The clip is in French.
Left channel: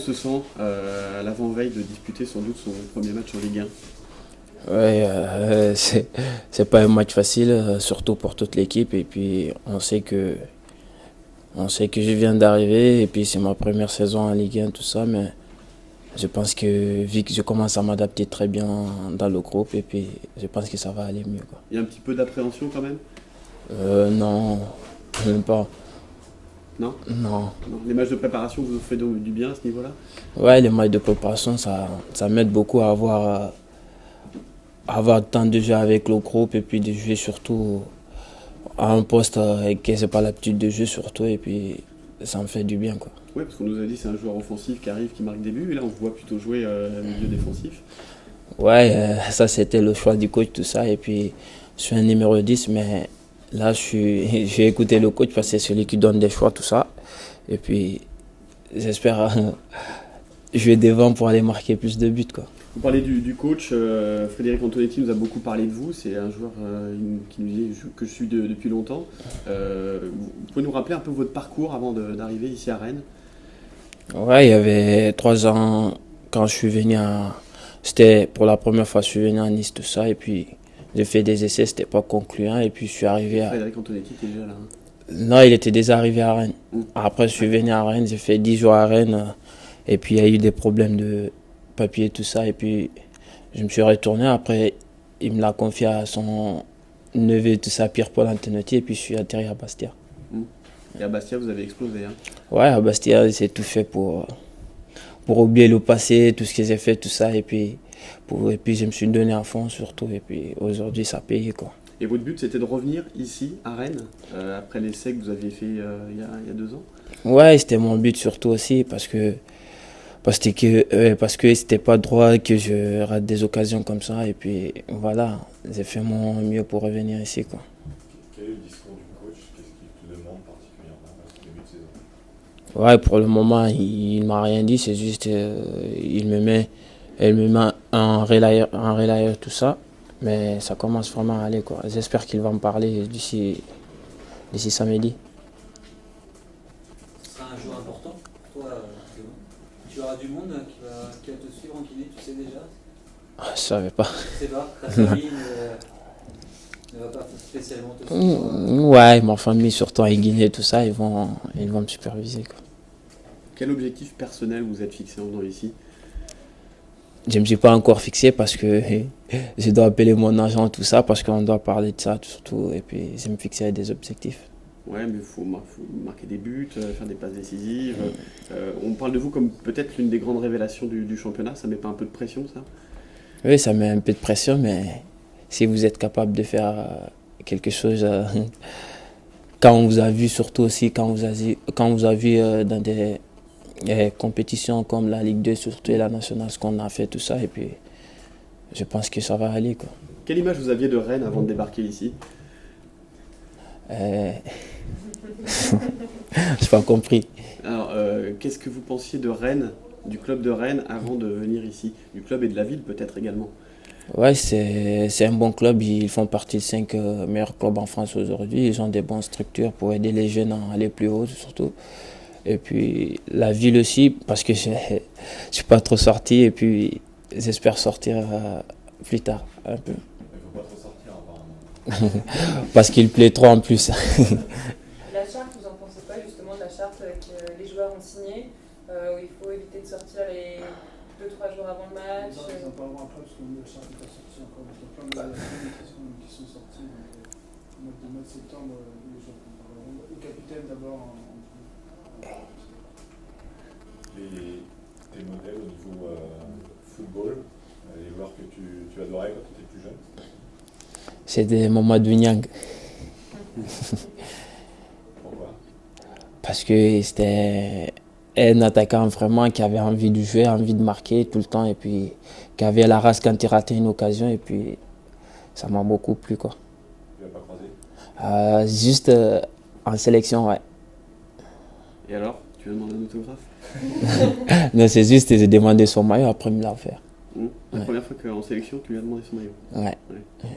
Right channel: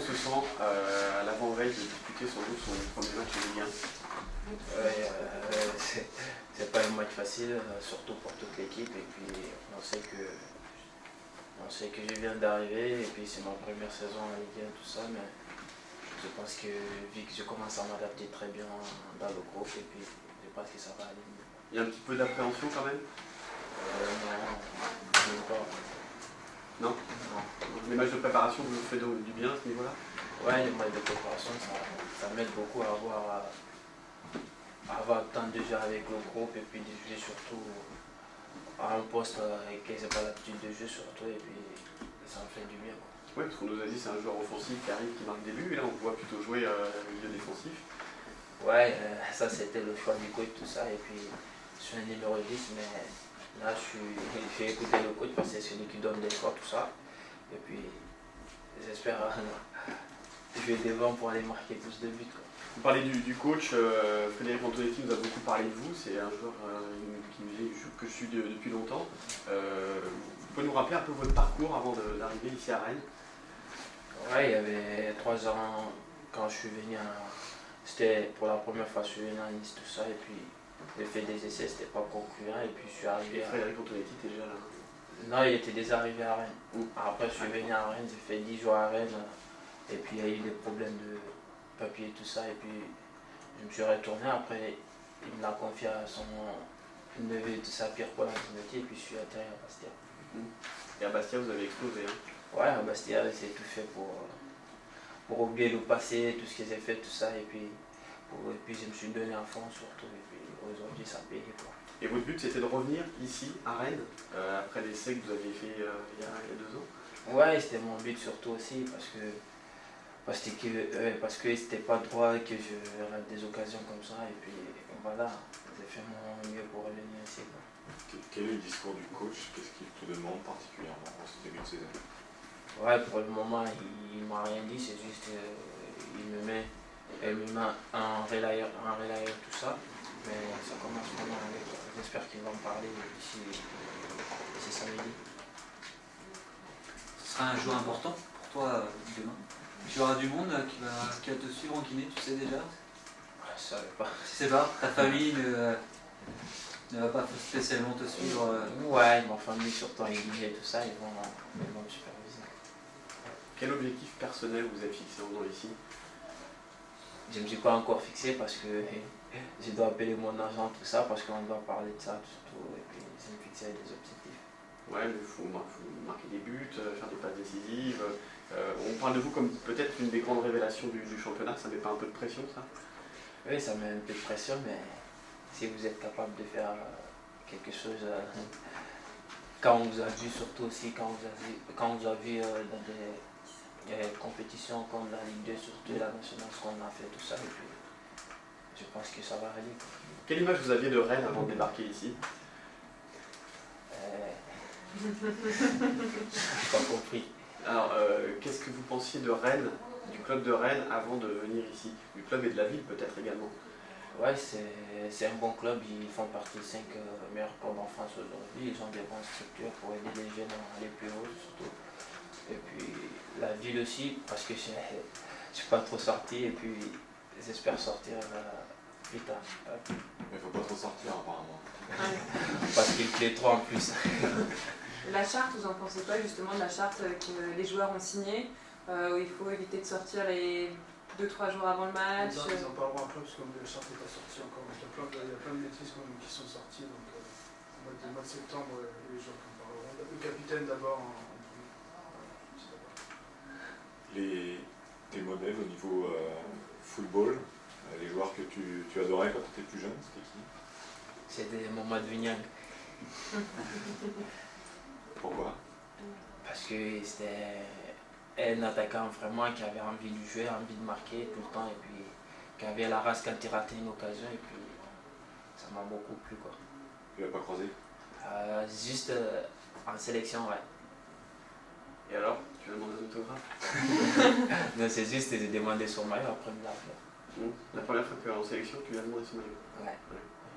se sent à l'avant-veille de disputer sans doute son premier match en Ligue 1? Ouais, c'est pas un match facile, surtout pour toute l'équipe. Et puis on sait que je viens d'arriver et puis c'est ma première saison en Ligue 1, tout ça. Mais je pense que vu que je commence à m'adapter très bien dans le groupe, et puis je pense que ça va aller mieux, quoi. Il y a un petit peu d'appréhension quand même? Non, même pas. Non? Non. Les matchs de préparation vous font du bien à ce niveau-là? Ouais, les matchs de préparation, ça m'aide beaucoup à avoir le temps de jouer avec le groupe et puis de jouer surtout à un poste que c'est pas l'habitude de jouer surtout, et puis ça me fait du bien, quoi. Oui, parce qu'on nous a dit que c'est un joueur offensif qui arrive, qui marque des buts, et là on vous voit plutôt jouer milieu défensif. Ouais, ça c'était le choix du coach, tout ça, et puis je suis un numéro 10, mais là j'ai écouté le coach parce que c'est celui qui donne des choix, tout ça, et puis j'espère jouer devant pour aller marquer plus de buts, quoi. Vous parlez du coach, Frédéric Antonetti nous a beaucoup parlé de vous, c'est un joueur qui nous dit que je suis depuis longtemps. Vous pouvez nous rappeler un peu votre parcours avant d'arriver ici à Rennes? Ouais, il y avait 3 ans quand je suis venu C'était pour la première fois que je suis venu à Nice, tout ça, et puis j'ai fait des essais, c'était pas concluant, et puis je suis arrivé à... Frédéric Antonetti était déjà là, hein. Non, il était déjà arrivé à Rennes. Mm. Après, je suis venu à Rennes, j'ai fait 10 jours à Rennes, et puis il y a eu des problèmes de papier, tout ça, et puis je me suis retourné. Après, il me l'a confié à son neveu, tout ça, Pierre-Paul Antonetti, et puis je suis atterri à Bastia. Mm. Et à Bastia, vous avez explosé, hein. Ouais, à Bastia, c'est tout fait pour oublier le passé, tout ce que j'ai fait, tout ça, et puis je me suis donné à fond surtout, et puis aujourd'hui ça paye, quoi. Et votre but, c'était de revenir ici, à Rennes, après l'essai que vous aviez fait il y a 2 ans? Ouais, c'était mon but surtout aussi, parce que c'était pas droit que je rate des occasions comme ça, et puis voilà, j'ai fait mon mieux pour revenir ici, quoi. Quel est le discours du coach? Qu'est-ce qu'il te demande particulièrement pour ce début de saison? Ouais, pour le moment, il m'a rien dit, c'est juste, il me met un relayeur, tout ça, mais ça commence vraiment à aller, quoi. J'espère qu'il va me parler d'ici samedi. Ce sera un jour important pour toi demain. Tu auras du monde qui va te suivre en kiné, tu sais déjà? Je savais pas. Tu sais pas, ta famille ne va pas spécialement te suivre. Ouais, ma famille, surtout en Guinée, tout ça, ils vont me superviser, quoi. Quel objectif personnel vous êtes fixé en venant ici? Je ne me suis pas encore fixé parce que je dois appeler mon agent, tout ça, parce qu'on doit parler de ça, surtout, et puis je me fixer des objectifs. Ouais, mais il faut marquer des buts, faire des passes décisives. On parle de vous comme peut-être une des grandes révélations du championnat. Ça met pas un peu de pression, ça? Oui, ça met un peu de pression, mais si vous êtes capable de faire quelque chose, quand on vous a vu, surtout aussi quand vous a vu dans des compétitions comme la Ligue 2, surtout et la nationale, ce qu'on a fait, tout ça, et puis je pense que ça va aller, quoi. Quelle image vous aviez de Rennes avant de débarquer ici? Euh... J'ai pas compris. Alors, qu'est-ce que vous pensiez de Rennes, du club de Rennes, avant de venir ici? Du club et de la ville peut-être également? Ouais, c'est un bon club. Ils font partie des 5 meilleurs clubs en France aujourd'hui. Ils ont des bonnes structures pour aider les jeunes à aller plus haut, surtout. Et puis la ville aussi, parce que je ne suis pas trop sorti. Et puis j'espère sortir plus tard, un peu. Il ne faut pas trop sortir apparemment. Parce qu'il plaît trop en plus. La charte, vous en pensez quoi justement de la charte que les joueurs ont signée, où il faut éviter de sortir les 2-3 jours avant le match? Ils en parleront après parce que la charte n'est pas sortie encore. Il y a plein de décrets qui sont sortis. Donc, au mois de septembre, les joueurs en parleront. Le capitaine d'abord. Tes modèles au niveau football, les joueurs que tu adorais quand tu étais plus jeune, c'était qui? C'était Mamadou Niang. Pourquoi? Parce que c'était un attaquant vraiment qui avait envie de jouer, envie de marquer tout le temps. Et puis qui avait la race quand il ratait une occasion. Et puis ça m'a beaucoup plu, quoi. Tu l'as pas croisé? Juste en sélection, ouais. Et alors, tu as demandé un autographe? Non, c'est juste que j'ai demandé son maillot, après il me l'a offert. La première fois qu'en sélection, tu lui as demandé son maillot? Ouais. Ouais.